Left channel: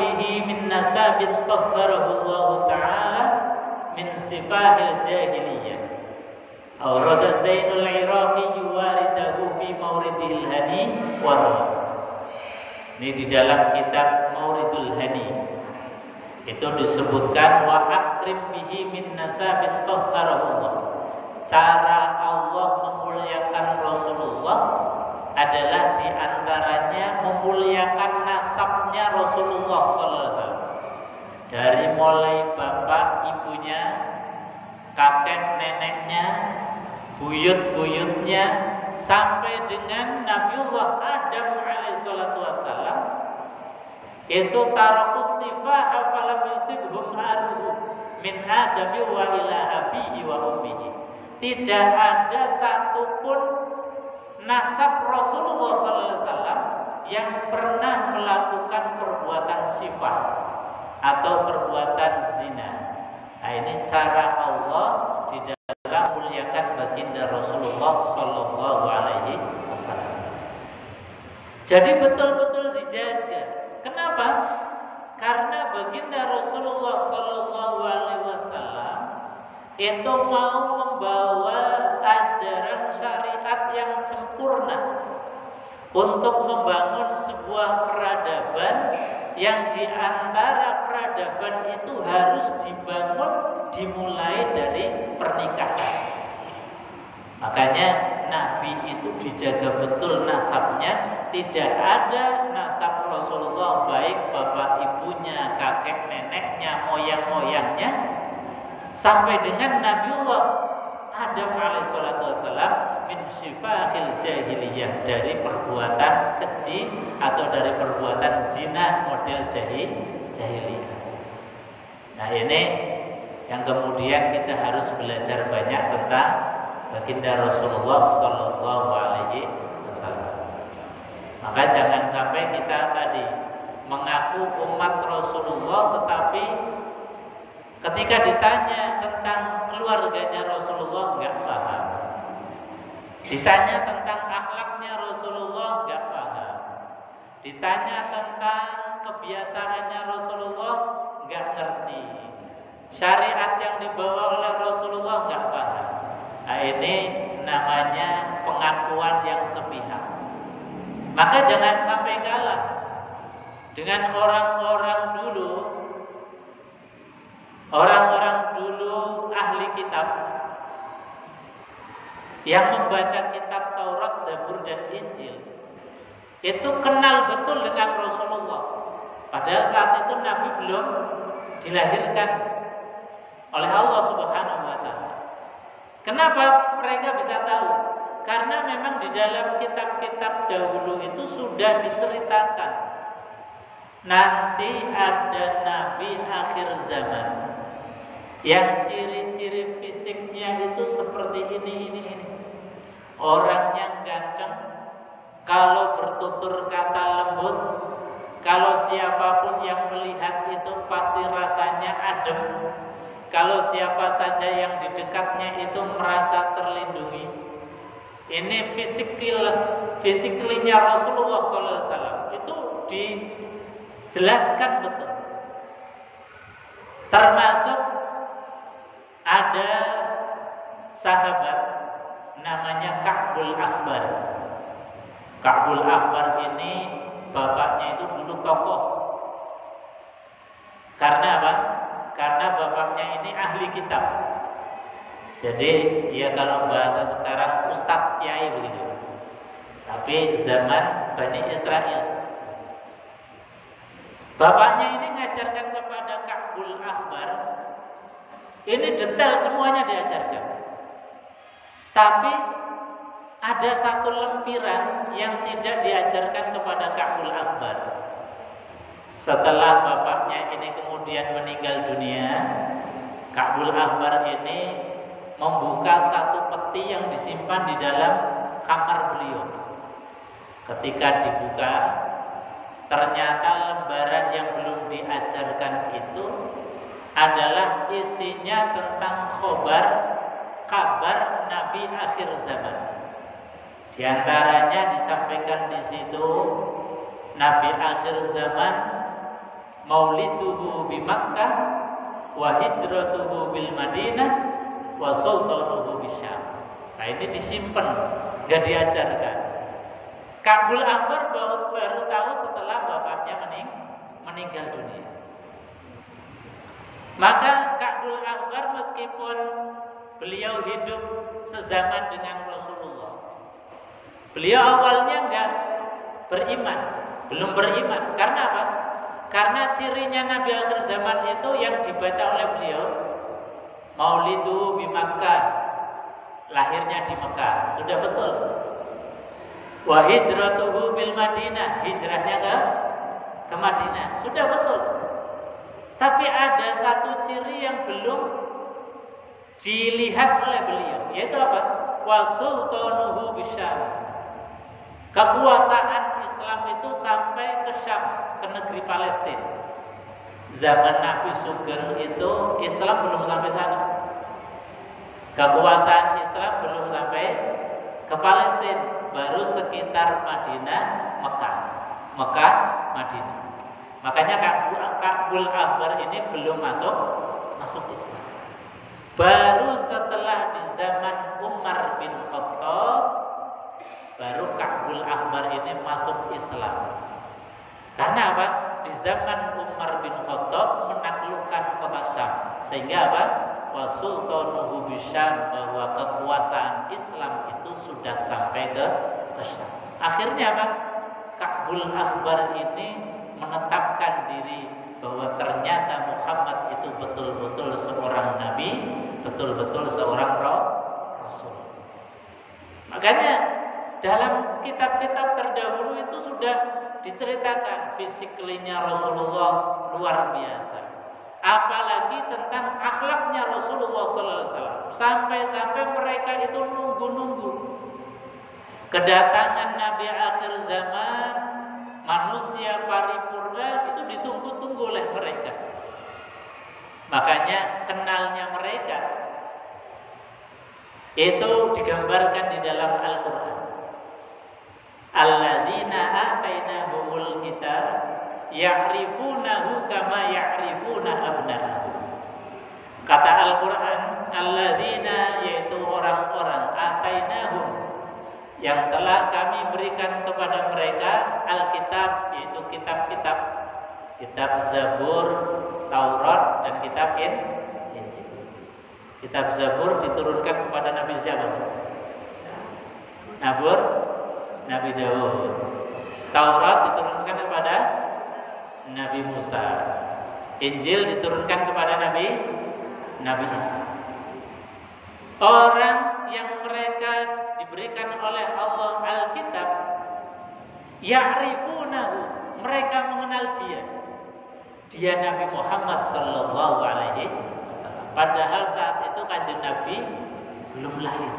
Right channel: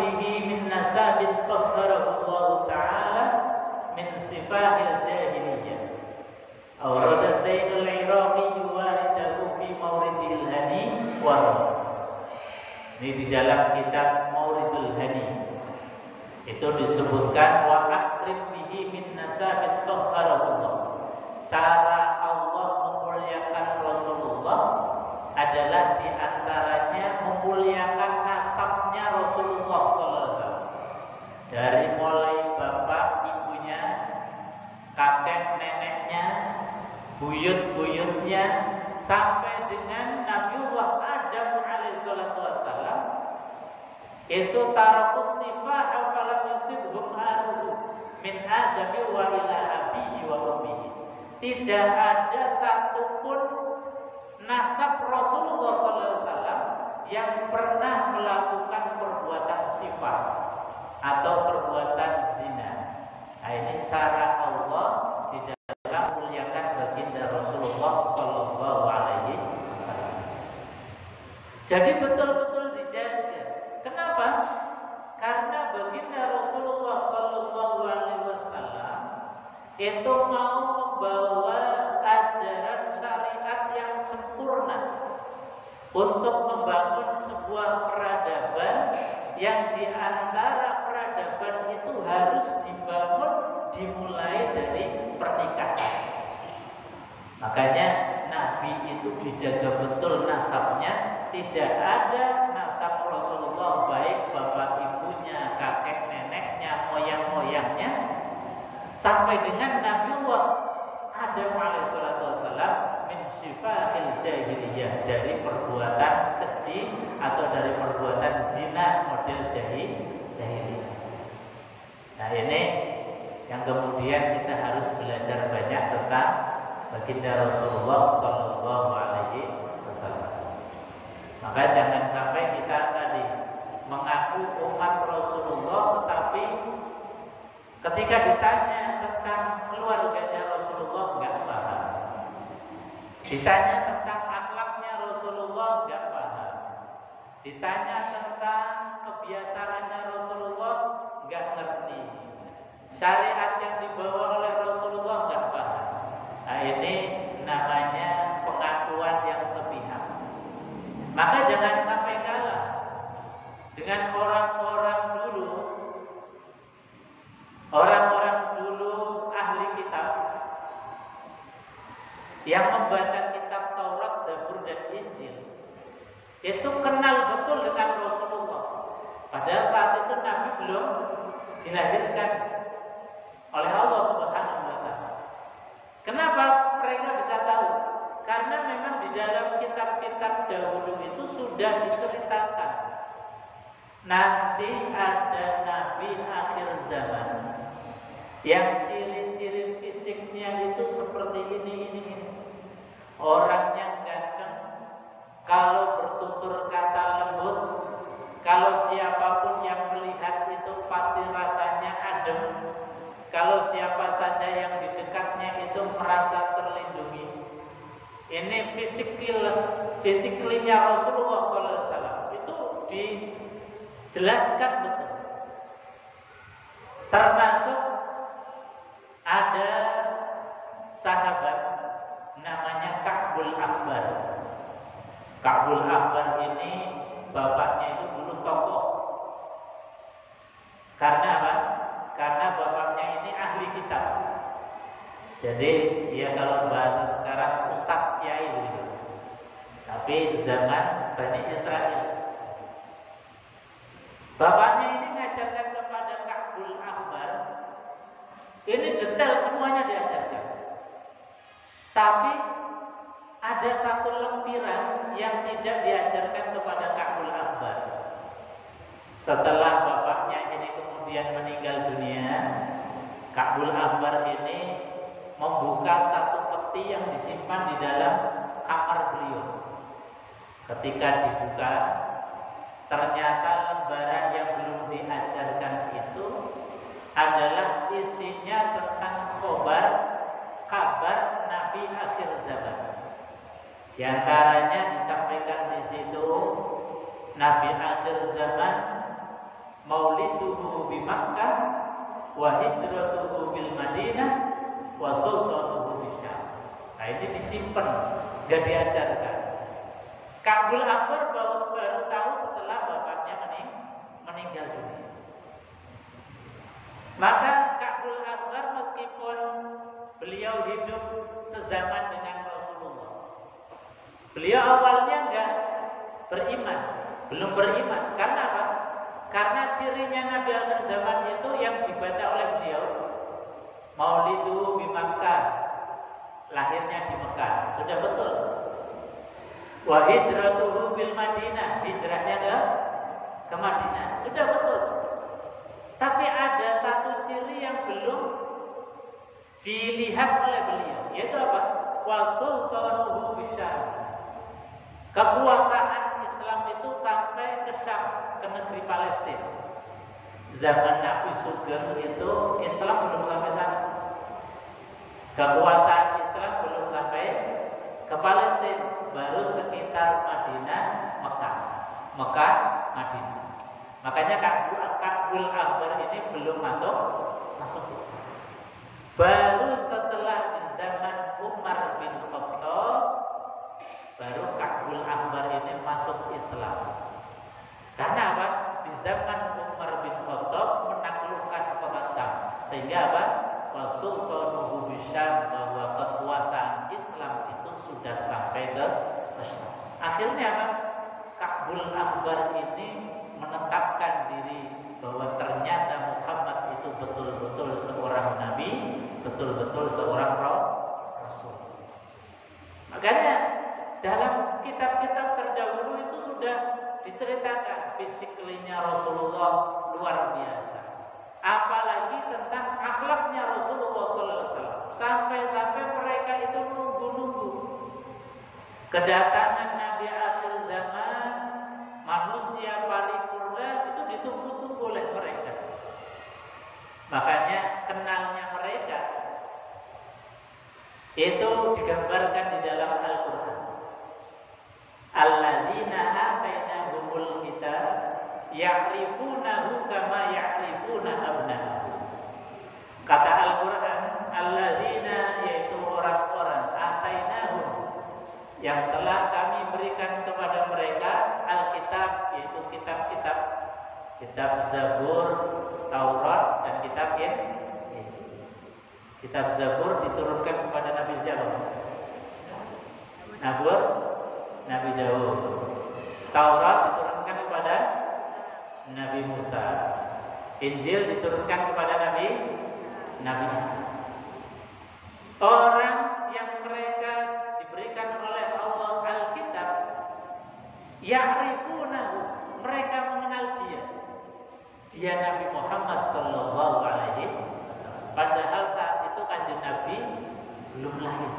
bihi min nasabin tahharahu Allah Ta'ala min sifahil jahiliyah. Awrada Zainul Iraqi yuwaridahu fi mauridil hani warwa. Ini di dalam kitab Mauridul Hani itu disebutkan wa akrib bihi min nasabin tahharahu Allah. Cara Allah memuliakan Rasulullah adalah diantaranya memuliakan nasabnya Rasulullah SAW. Dari mulai bapak ibunya, kakek neneknya, buyut-buyutnya, sampai dengan Nabiullah Adam alaihissalatu wassalam, itu tarakus sifah falam yusibhum aruhu min adami wa ila abihi wa ummihi. Tidak ada satupun nasab Rasulullah SAW yang pernah melakukan perbuatan sifah atau perbuatan zina. Nah, ini cara Allah di dalam muliakan baginda Rasulullah Sallallahu Alaihi Wasallam. Jadi betul-betul dijaga. Kenapa? Karena baginda Rasulullah Sallallahu Alaihi Wasallam itu mau membawa ajaran syariat yang sempurna untuk membangun sebuah peradaban yang diantara peradaban itu harus dibangun dimulai dari pernikahan. Makanya Nabi itu dijaga betul nasabnya. Tidak ada nasab Rasulullah baik bapak ibunya, kakek neneknya, moyang-moyangnya sampai dengan Nabiullah Adam alaihissalatu wassalam min syifahil jahiliyah, dari perbuatan keji atau dari perbuatan zina model jahiliyah. Nah, ini yang kemudian kita harus belajar banyak tentang baginda Rasulullah Sallallahu Alaihi Wasallam. Maka jangan sampai kita tadi mengaku umat Rasulullah, tetapi ketika ditanya tentang keluarganya Rasulullah nggak paham. Ditanya tentang akhlaknya Rasulullah nggak paham. Ditanya tentang kebiasaannya Rasulullah nggak ngerti. Syariat yang dibawa oleh Rasulullah nggak paham. Nah, ini namanya pengakuan yang sepihak. Maka jangan sampai kalah dengan orang-orang dulu ahli kitab yang membaca kitab Taurat, Zabur dan Injil. Itu kenal betul dengan Rasulullah. Padahal saat itu Nabi belum dilahirkan oleh Allah Subhanahu wa taala. Kenapa mereka bisa tahu? Karena memang di dalam kitab-kitab dahulu itu sudah diceritakan nanti ada nabi akhir zaman yang ciri-ciri fisiknya itu seperti ini. Orangnya ganteng, kalau bertutur kata lembut, kalau siapapun yang melihat itu pasti rasanya adem, kalau siapa saja yang di dekatnya itu merasa terlindungi. Ini fisiklinya Rasulullah SAW itu dijelaskan betul. Termasuk ada sahabat namanya Ka'bul Ahbar. Ka'bul Ahbar ini bapaknya itu dulu tokoh. Karena apa? Karena bapaknya ini ahli kitab. Jadi ya kalau bahasa sekarang ustadz kiai begitu. Tapi zaman Bani Israel. Bapaknya ini ngajarkan kepada Ka'bul Ahbar. Ini detail semuanya diajarkan. Tapi ada satu lempiran yang tidak diajarkan kepada Ka'bul Ahbar. Setelah bapaknya ini kemudian meninggal dunia, Ka'bul Ahbar ini membuka satu peti yang disimpan di dalam kamar beliau. Ketika dibuka, ternyata lembaran yang belum diajarkan itu adalah isinya tentang kabar Nabi akhir zaman. Di antaranya disampaikan di situ Nabi akhir zaman mauliduhu bi Makkah wa hijratuhu bil Madinah wa sultanuhu bisyam. Nah ini disimpan, nggak diajarkan. Ka'bul Ahbar baru tahu setelah bapaknya meninggal dunia. Maka Ka'bul Ahbar meskipun beliau hidup sezaman dengan Rasulullah, beliau awalnya enggak beriman, belum beriman. Karena apa? Karena cirinya Nabi akhir zaman itu yang dibaca oleh beliau, Maulidu bi Makkah, lahirnya di Mekah, sudah betul. Wa hijratuhu bil Madinah, hijrahnya ke Madinah, sudah betul. Tapi ada satu ciri yang belum dilihat oleh beliau, yaitu apa? Wa sultanuhu bisyam. Kekuasaan Islam itu sampai ke Syam, ke negeri Palestina. Zaman Nabi Sugeng itu Islam belum sampai sana. Kekuasaan Islam belum sampai ke Palestina, baru sekitar Madinah, Mekah, Madinah. Makanya Ka'bul Ahbar ini belum masuk Islam. Baru setelah di zaman Umar bin Khattab, baru Ka'bul Ahbar ini masuk Islam. Karena apa? Di zaman Umar bin Khattab menaklukkan kota Syam, sehingga apa? Wa sultanuhu bisyam, bahwa kekuasaan Islam itu sudah sampai ke Syam. Akhirnya apa? Ka'bul Ahbar ini menetapkan diri bahwa ternyata Muhammad itu betul-betul seorang nabi, betul-betul seorang rasul. Makanya dalam kitab-kitab terdahulu itu sudah diceritakan fisiklinya Rasulullah luar biasa. Apalagi tentang akhlaknya Rasulullah SAW. Sampai-sampai mereka itu nunggu-nunggu kedatangan Nabi akhir zaman, manusia paripurna, itu ditunggu-tunggu oleh mereka. Makanya kenalnya mereka itu digambarkan di dalam Al-Quran. Alladzina atainahumul kitab ya'rifunahu kama ya'rifuna abna'ahum. Kata Al-Quran, alladzina, yaitu orang-orang, atainahum, yang telah kami berikan kepada mereka Alkitab, yaitu kitab-kitab, kitab Zabur, Taurat, dan kitab Injil. Kitab Zabur diturunkan kepada Nabi siapa? Nabi Daud. Taurat diturunkan kepada Nabi Musa. Injil diturunkan kepada Nabi Isa. Orang yang mereka diberikan oleh Allah Alkitab, ya'rifunahu, mereka mengenal dia Nabi Muhammad sallallahu alaihi wasallam. Padahal saat itu Kanjeng Nabi belum lahir,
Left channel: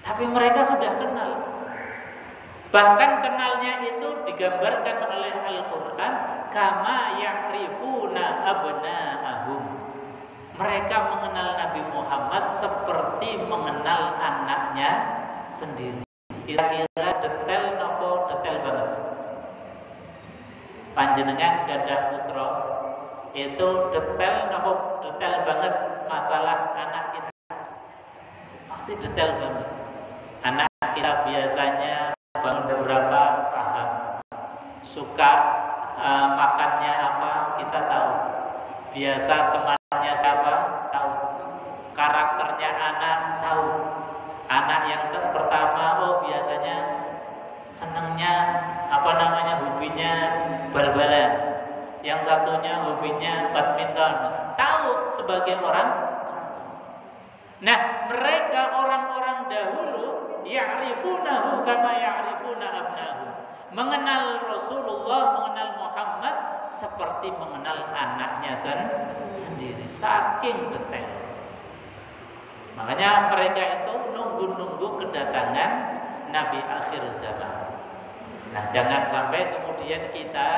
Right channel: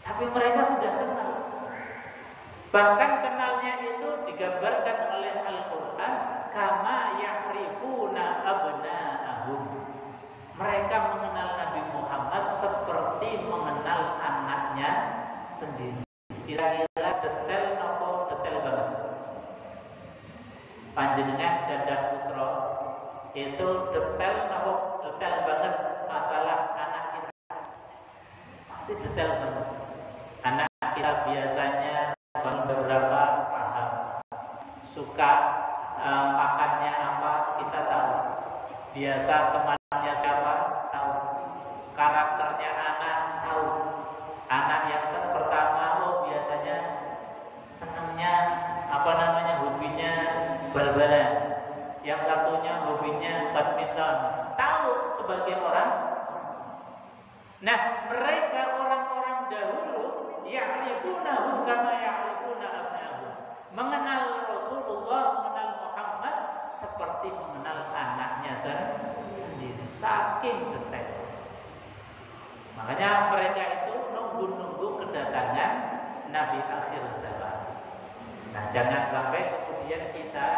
tapi mereka sudah kenal. Bahkan kenalnya itu digambarkan oleh Al-Quran, kama ya'rifuna abna'ahum. Mereka mengenal Nabi Muhammad seperti mengenal anaknya sendiri. Kira-kira detail nopo detail banget. Panjenengan gadah putra, itu detail nopo detail banget masalah anak kita. Pasti detail banget. Anak kita biasanya bangun berapa paham, suka makannya apa kita tahu, biasa temannya siapa tahu, karakternya anak tahu. Anak yang pertama, oh biasanya senengnya hobinya bal-balan, yang satunya hobinya badminton, tahu sebagai orang. Nah, mereka orang-orang dahulu ya'rifunahu kama ya'rifuna abnahum, mengenal Rasulullah, mengenal Muhammad seperti mengenal anaknya sendiri, saking detail. Makanya mereka itu nunggu-nunggu kedatangan Nabi akhir zaman. Nah, jangan sampai kemudian kita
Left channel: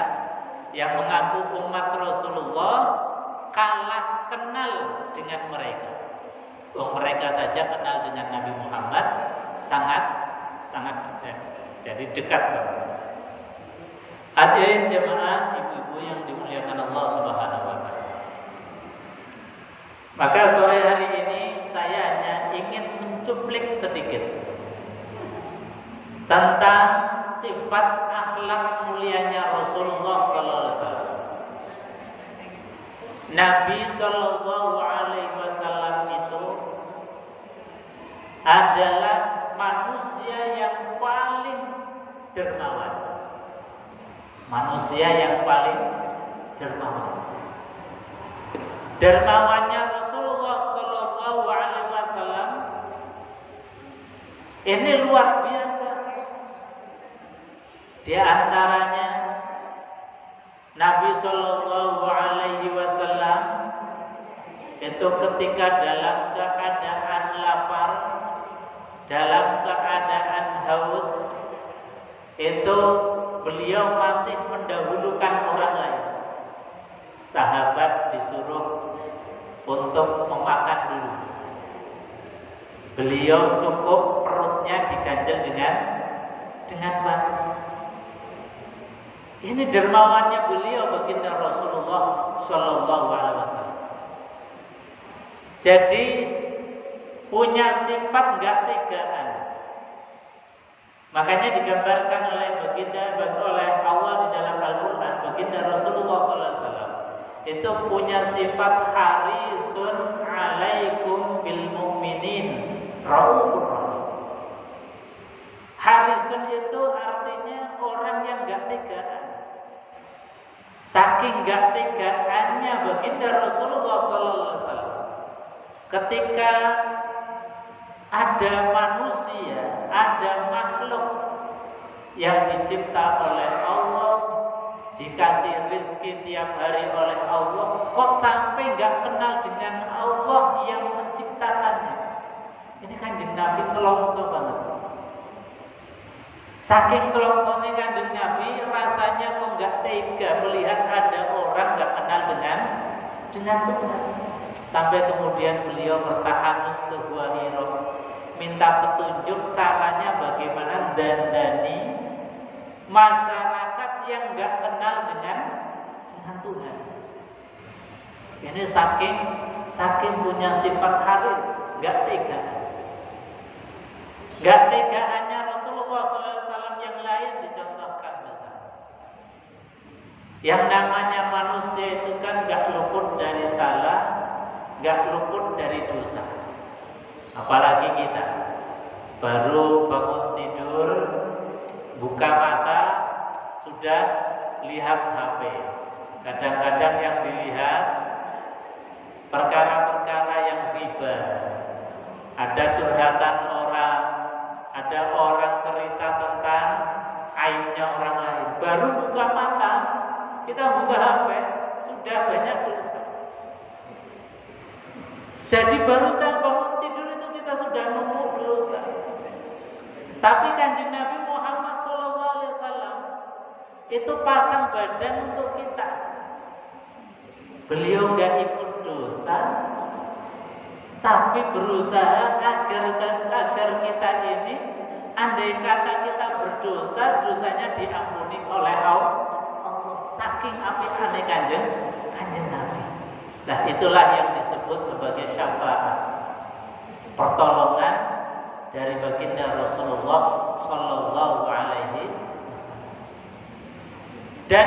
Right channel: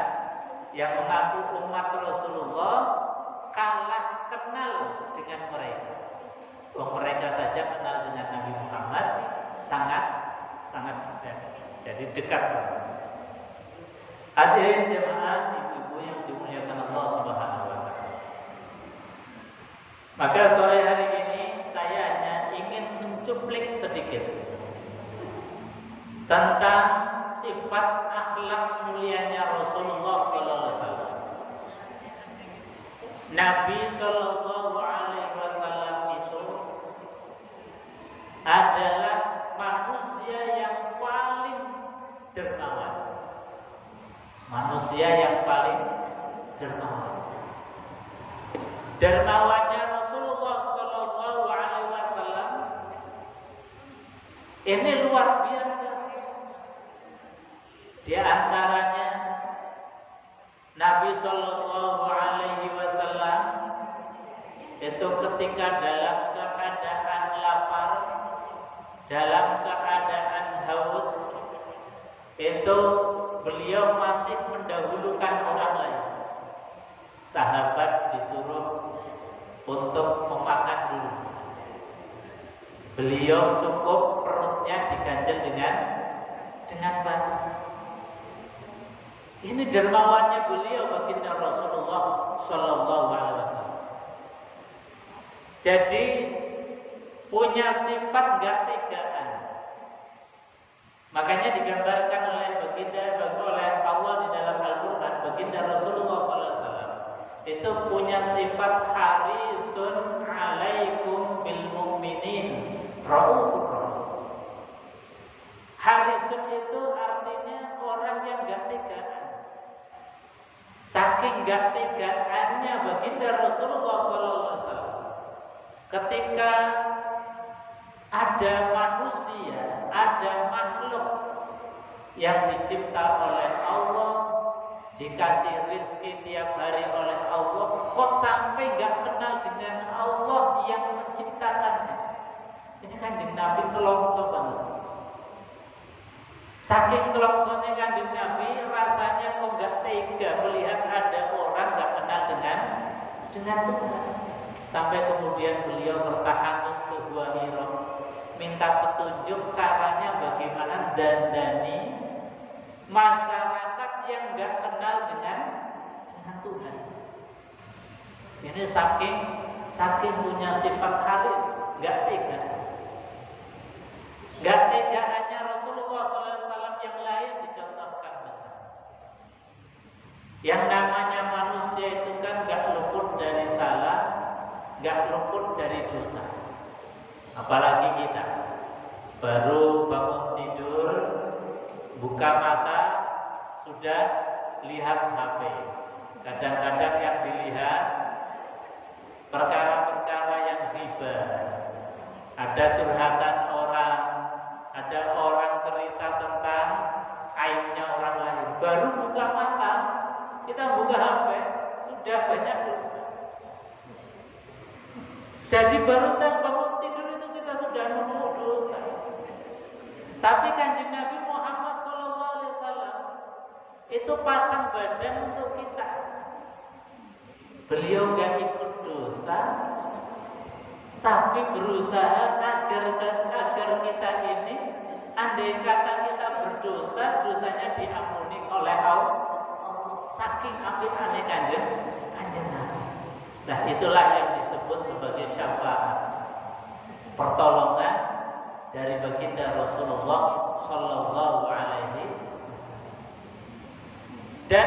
yang mengaku umat Rasulullah kalah kenal dengan mereka. Mereka saja kenal dengan Nabi Muhammad sangat dekat. Jadi dekat banget. Hadirin jemaah dengan Allah Subhanahu wa taala. Maka sore hari ini saya hanya ingin mencuplik sedikit tentang sifat akhlak mulianya Rasulullah sallallahu alaihi wasallam. Nabi sallallahu alaihi wasallam itu adalah manusia yang paling dermawan. Manusia yang paling dermawan. Dermawannya Rasulullah sallallahu alaihi wasallam ini luar biasa. Di antaranya Nabi sallallahu alaihi wasallam itu ketika dalam keadaan lapar, dalam keadaan haus, itu beliau masih mendahulukan orang lain. Sahabat disuruh untuk memakan dulu. Beliau cukup perutnya diganjel dengan batu. Ini dermawannya beliau baginda Rasulullah Shallallahu Alaihi Wasallam. Jadi punya sifat nggak tegaan. Makanya digambarkan oleh Allah di dalam Al-Quran, baginda Rasulullah Shallallahu Alaihi Wasallam itu punya sifat harisun alaikum bil mu'minin raufur rahim. Harisun itu artinya orang yang nggak tegaan. Saking gak tegaannya baginda Rasulullah SAW, ketika ada manusia, ada makhluk yang dicipta oleh Allah, dikasih rizki tiap hari oleh Allah, kok sampai gak kenal dengan Allah yang menciptakannya. Ini Kanjeng Nabi nelongso banget. Saking telongsone Kanjeng Nabi, rasanya kok nggak tega melihat ada orang nggak kenal dengan Tuhan. Sampai kemudian beliau bertahanus ke Gua Hira, minta petunjuk caranya bagaimana dandani masyarakat yang nggak kenal dengan Tuhan. Ini saking punya sifat haris, nggak tega. Nggak tegaannya Rasulullah SAW yang lain dicontohkan misalnya. Yang namanya manusia itu kan gak luput dari salah, gak luput dari dosa. Apalagi kita baru bangun tidur, buka mata, sudah lihat HP. Kadang-kadang yang dilihat perkara-perkara yang ghibah. Ada curhatan orang, ada orang cerita tentang aibnya orang lain. Baru buka mata, kita buka HP, sudah banyak dosa. Jadi baru bangun tidur itu kita sudah numpuk dosa. Tapi Kanjeng Nabi Muhammad SAW itu pasang badan untuk kita. Beliau nggak ikut dosa, tapi berusaha agar kita ini, andai kata kita berdosa, dosanya diampuni oleh Allah. Saking apiane Kanjeng Nabi. Nah, itulah yang disebut sebagai syafaat, pertolongan dari baginda Rasulullah Shallallahu Alaihi Wasallam. Dan